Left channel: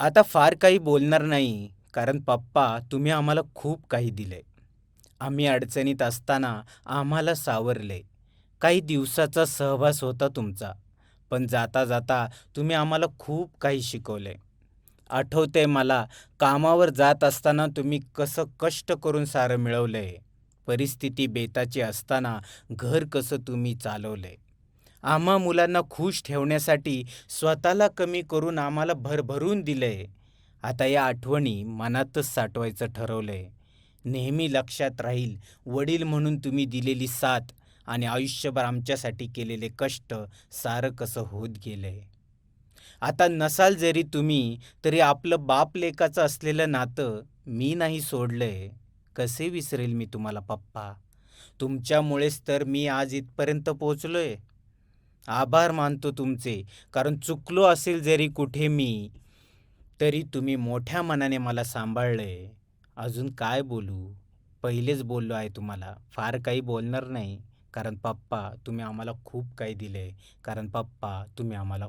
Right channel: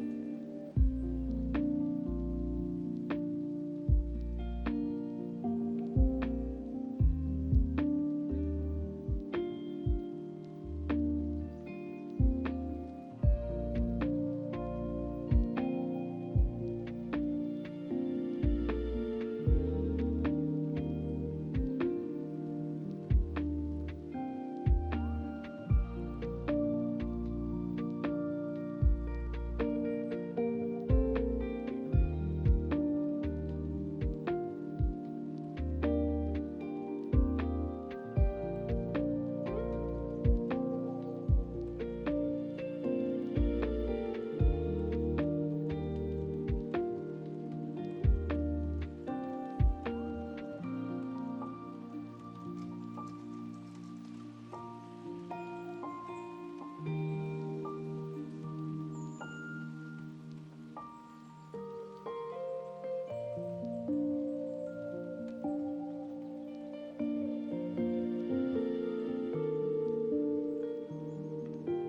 आता फार काही बोलणार नाही कारण पप्पा तुम्ही आम्हाला खूप काही दिले. आम्ही अडचणीत असताना आम्हाला सावरले. काही दिवसाचा सहवास होता तुमचा पण जाता जाता तुम्ही आम्हाला खूप काही शिकवले. आठवते मला कामावर जात असताना तुम्ही कसं कष्ट करून सारं मिळवलंय परिस्थिती बेताची असताना घर कसं तुम्ही चालवलंय आम्हा मुलांना खुश ठेवण्यासाठी स्वतःला कमी करून आम्हाला भरभरून दिलंय. आता या आठवणी मनातच साठवायचं ठरवलंय. नेहमी लक्षात राहील वडील म्हणून तुम्ही दिलेली साथ आणि आयुष्यभर आमच्यासाठी केलेले कष्ट सारं कसं होत गेलंय. आता नसाल जरी तुम्ही तरी आपलं बाप लेकाचं असलेलं नातं मी नाही सोडलंय. कसे विसरेल मी तुम्हाला पप्पा? तुमच्यामुळेच तर मी आज इथपर्यंत पोचलोय आभार मानतो तुमचे. कारण चुकलो असेल जरी कुठे मी तरी तुम्ही मोठ्या मनाने मला सांभाळलंय अजून काय बोलू? पहिलेच बोललो आहे तुम्हाला. फार काही बोलणार नाही. कारण पप्पा तुम्ही आम्हाला खूप काही दिले. कारण पप्पा तुम्ही आम्हाला